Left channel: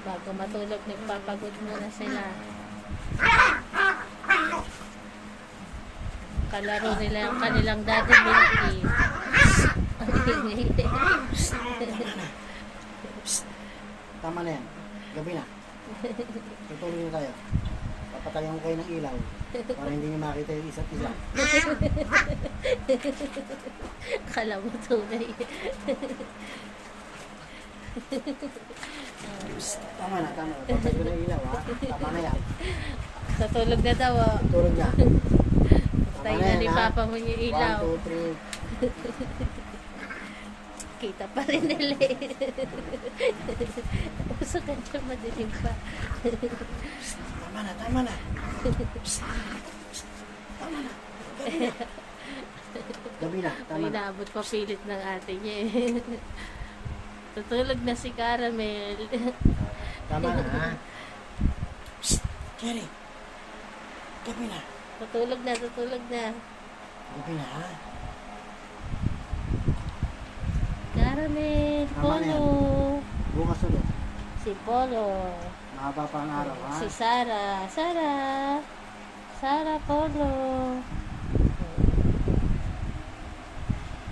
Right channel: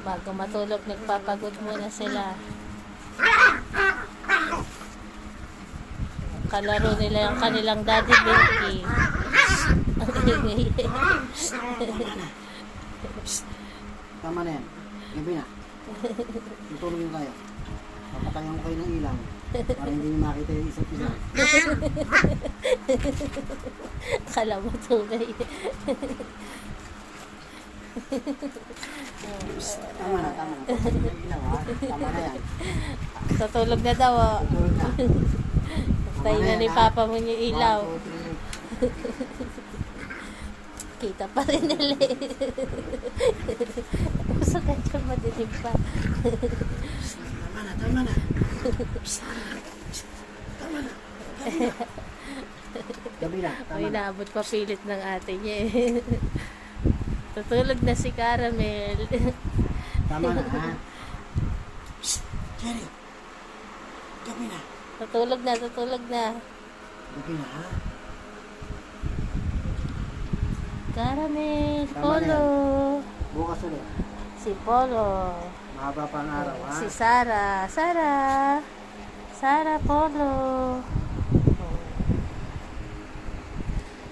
Bago matulog, nagpapagod muna sila. Kalaro nila yung kanilang daddy Milky. Ang ingay. Tama na yan. Gabi na. Tutulog yung kayo. Papatayin mo kayo ng ilaw. Para hindi nyo makita yung isa't isa. Akala mo tunay. Tama na, tama. Papatayin yung ilaw ha. Tama na yan. Tutulog na daw. Oh. Tutulog na. Tayo na ni Papa mo yung ilaw. 1, 2, 3. Kita pa rin nila eh. Uso ka dyan, madilim pa. Tama na, tama na. Tama na. Gabi na, tama Ay, na. naabot pa pilit ng ate niya eh. Tutulog na si Caramel. Tama na ha. Psst, Cherry. Gabi na. Tutulog na, tutulog na. Gabi na ha. Caramel, Tama Polo. Bukas ulit. Si Polo. Mahaba pa ang araw ha. Si Sarah. Sarah, Polo.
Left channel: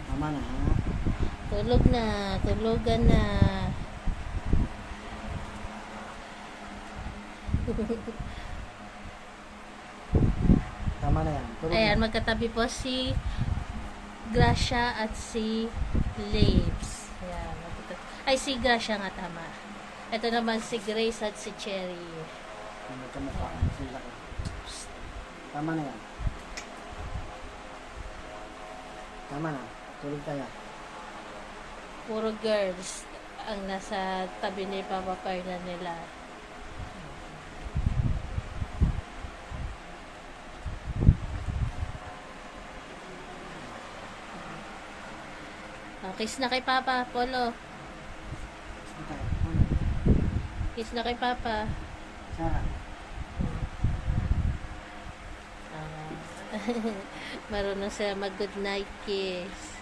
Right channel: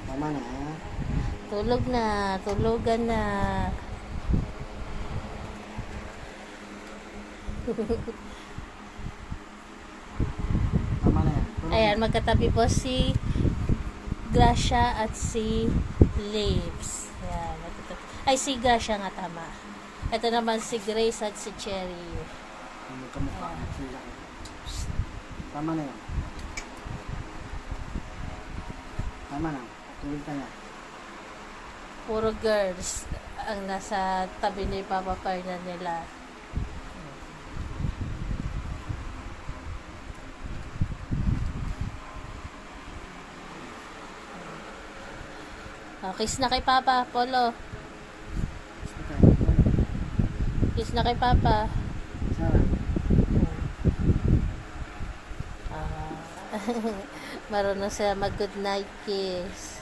Tama na ha. Tulog na, tulugan na. Tama na yan. Tulog Ayan, na. magkatabi po si Gracia at si Lips. Ayan, ay, si Gracia nga tama. Ito naman si Grace at si Cherry. Magkamukha. Sila. Psst. Tama na yan. Tama na. Tulog ka na. Puro girls ang nasa tabi ni Papa Fernan nila. Kiss na kay Papa, Polo. Kiss na kay Papa. Sana. Marunong sila mag-good night kiss.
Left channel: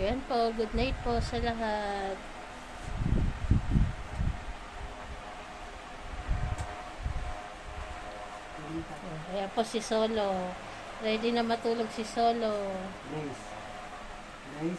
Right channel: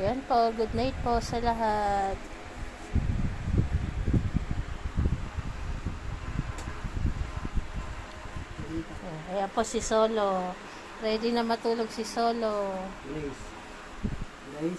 Ayan po, good night po sa lahat. Ayan po si Solo. Ready na matulog si Solo. Grace. Grace.